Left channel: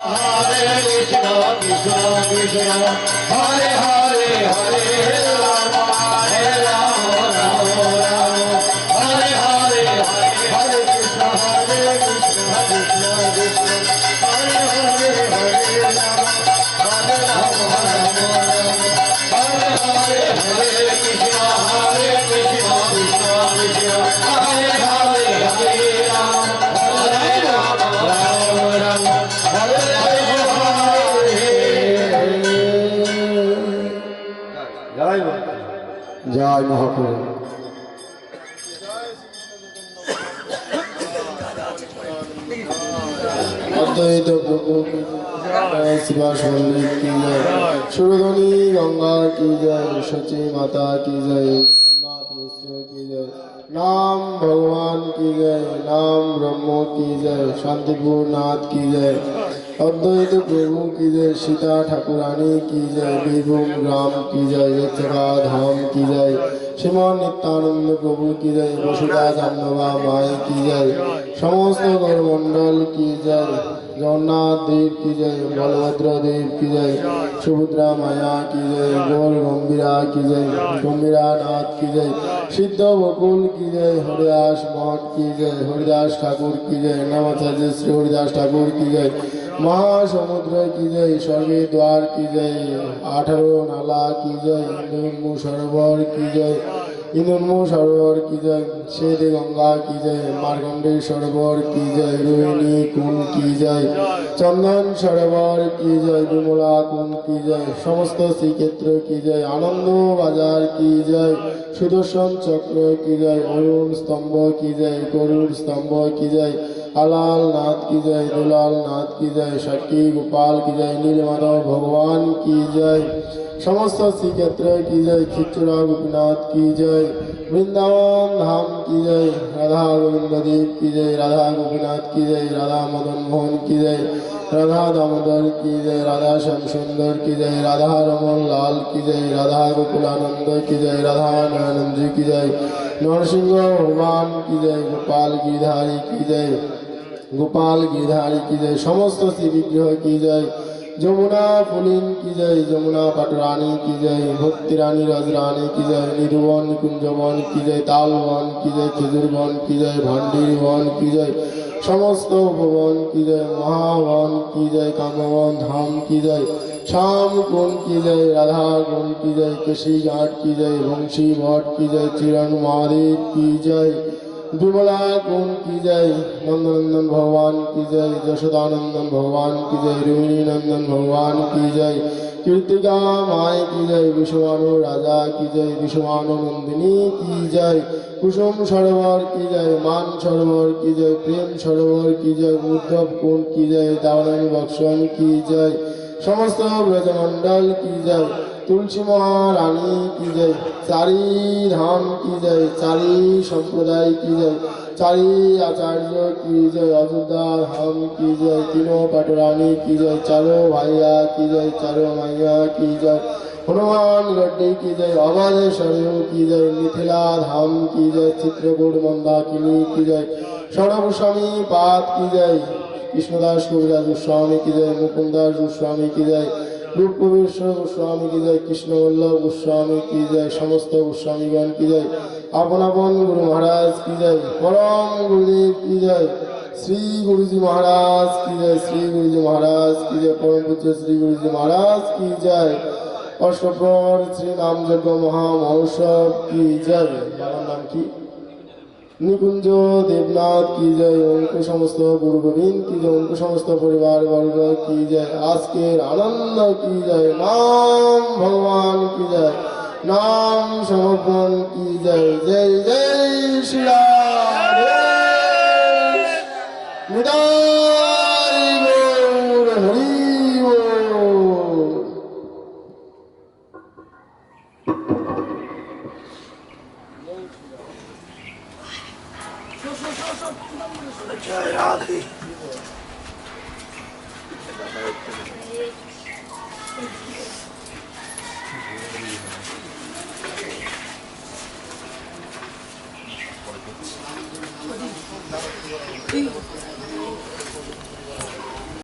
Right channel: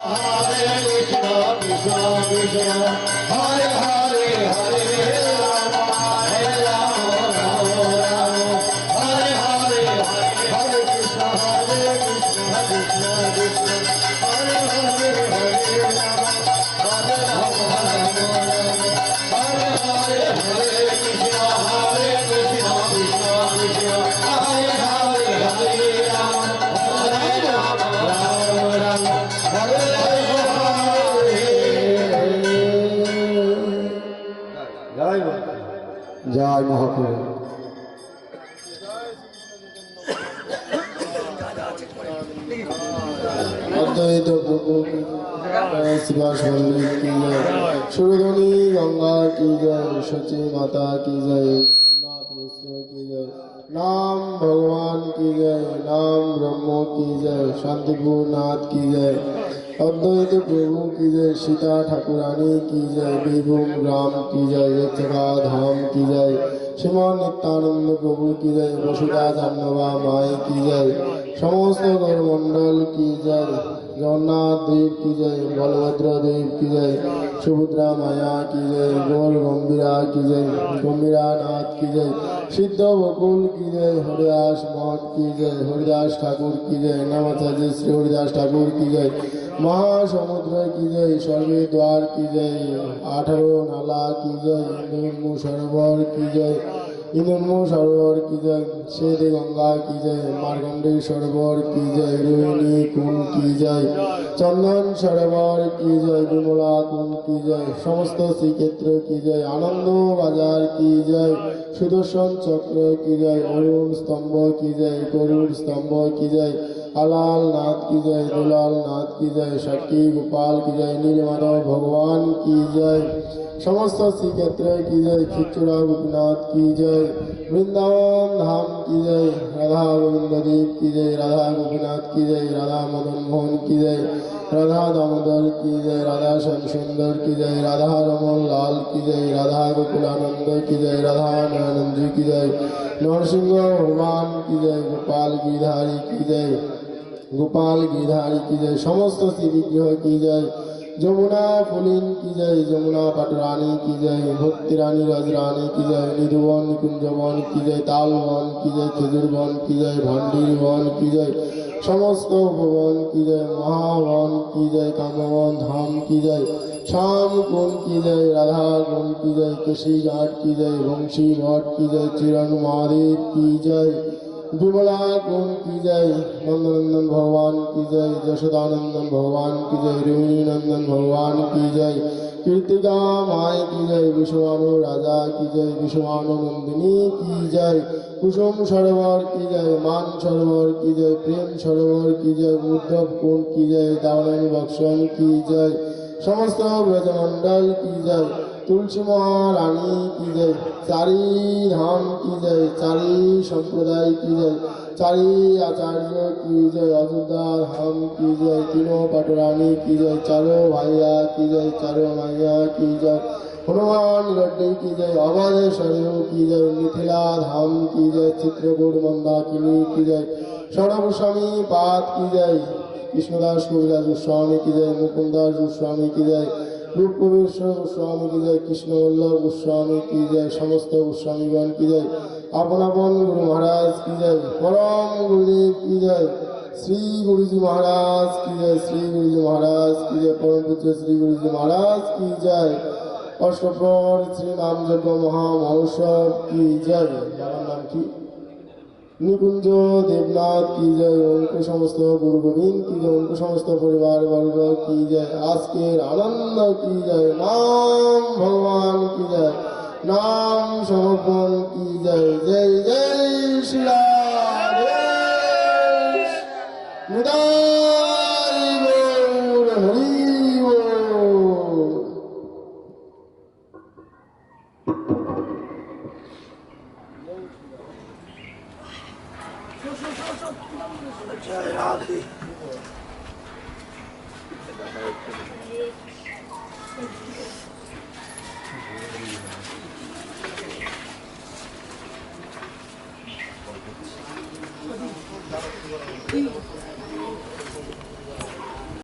Hare Krishna, Krishna Krishna, Hare Hare, Hare Rama, Hare Rama, Rama Rama, Hare Hare, Hare Krishna, Krishna Krishna, Hare Hare, Hare Rama, Hare Rama, Rama Rama, Hare Hare, Hare Krishna, Krishna Krishna, Hare Hare, Hare Rama, Hare Rama, Rama Rama, Hare জয় মহাপ্রভু। অদ্বৈত প্রভু শিবাস মল্লিক কি জয়, সুরধনী গঙ্গা কি জয়, সচী মাতা কি জয়, জগন্নাথ মিশ্র কি জয়, নাম ভগবান কি জয়, নাম ব্রহ্ম কি জয়, শান্তিপুর নাথ কি জয়, অদ্বৈত প্রভু কি জয়, সীতা ঠাকুরানী কি জয়, বীরভূম গ্রাম কি জয়, জয়চকা ধাম কি জয়, শ্রীমান নিত্যানন্দ প্রভু কি জয়, বসুধা জাহ্নবা মায় কি জয়, সমস্ত গৌরমণ্ডল কি জয়, জগন্নাথ দেব কি জয়, বলভদ্র দেব কি জয়, সুভদ্রা মায়া কি জয়, গৌর গম্ভীরা কি জয়, গম্ভীরা নাথ কি জয়, সিদ্ধ বকুল কি জয়, হরিদাস মঠ কি জয়, হরিদাস ঠাকুর কি জয়, নামাচার্য শ্রী হরিদাস ঠাকুর কি জয়, মহাসমুদ্র কি জয়, স্বর্গের দ্বার কি জয়, 18 নালা কি জয়, ইন্দুর্মু সরোবর কি জয়, ইন্দুর্মু সরোবর কি জয়, শ্বেত গঙ্গা কি জয়, মার্কণ্ডেয় সরোবর কি জয়, রোহিণী কুণ্ড কি জয়, চন্দন সরোবর কি জয়, বিমলা কুণ্ড কি জয়, সমস্ত শ্রীক্ষেত্র কি জয়, আনন্দ বাজার কি জয়, সুদর্শন চক্র কি জয়, অরুণ স্তম্ভ কি জয়, গরুড় স্তম্ভ কি জয়, আলাল নাথ কি জয়, দুলাল নাথ কি জয়, সাক্ষী গোপাল কি জয়, নীলমাধব ভগবান কি জয়, সমস্ত শ্রীক্ষেত্র কি জয়, খিচুড়া গোপীনাথ কি জয়, বৃন্দাবন ধাম কি জয়, রাধা গোবিন্দ দেব কি জয়, রাধা গোপীনাথ কি জয়, রাধা মদন মোহন কি জয়, রাধা দামোদর কি জয়, রাধা শ্যাম সুন্দর কি জয়, রাধা রমন লাল কি জয়, রাধা গোকুলানন্দ কি জয়, রাধা নয়নন্দ কি জয়, নরসিংহ ভগবান কি জয়, গোপাল গিরধারী কি জয়, গোপাল গিরধারী কি জয়, সমস্ত শ্রী বিগ্রহ কি জয়, যমুনা ফুলিন কি জয়, যমুনা পাটরানী কি জয়, ভক্তি রানী রাজরানী কি জয়, নিধুবন কুঞ্জবন কি জয়, তালবন কি জয়, খেজুরবন কি জয়, ভান্ডির বন কি জয়, সমস্ত ভবন কি জয়, মহাবন কি জয়, কামবন ধাম কি জয়, শ্যাম কুণ্ড কি জয়, রাধা কুণ্ড কি জয়, কেশী ঘাট কি জয়, বংশী ভট কি জয়, চিরণ মহাদেব কি জয়, বিমলা কুণ্ড কি জয়, নন্দনন্দন ভগবান কি জয়, যশোদানন্দন ভগবান কি জয়, রোহিণী নন্দন ভগবান কি জয়, কীর্তিকা মায় কি জয়, বিশ্বমানু রাজা কি জয়, বিশ্বমানু নন্দিনী কি জয়, কুসুম সরোবর কি জয়, মান সরোবর কি জয়, প্রেম সরোবর কি জয়, উদ্ধব কুণ্ড কি জয়, দাওয়ান বক্সন কি জয়, সমস্ত ব্রজমণ্ডল কি জয়, তুলসী মহারানী কি জয়, চারি ধাম কি জয়, চারি সম্প্রদায় কি জয়, চারি আচার্য কি জয়, অযোধ্যা ধাম কি জয়, তিনো পাটরানী কি জয়, চারো ভাইয়া কি জয়, চারো মাইয়া কি জয়, হনুমান গড্ডে কি জয়, অবাধেশ্বর কি জয়, মিথিলা ধাম কি জয়, চিত্রকূট মন্দাকিনী কি জয়, স্বর্ণভূস্বামী পাত কি জয়, কৃষ্ণদাস কবিরাজ গোস্বামী কি জয়, মুকুন্দাস গোস্বামী কি জয়, रूप कबीर गोस्वामी की जय, कृष्ण वल्लभ गोस्वामी की जय, समस्त गोस्वामीगण की जय, अपन अपन गुरु महाराज की जय, परम गुरुदेव की जय, श्री गुरुजी महाराज की जय, श्री गुरुजी महाराज की जय, परम पुत्र श्री गुरुजी महाराज की जय, अष्टप्रहर श्री नाम यज्ञ महामहोत्सव की जय। बाबा नाम की निकुंज देवनाथ की जय, उनको समस्त गुरु गोविंद की जय, उनको समस्त परिवार वर्ग की जय, आज के आनंद की जय, नाम भगवान की जय, नाम समर्पण की जय, जय जय श्री राधे निताई गौर हरि बोल। जय राधे।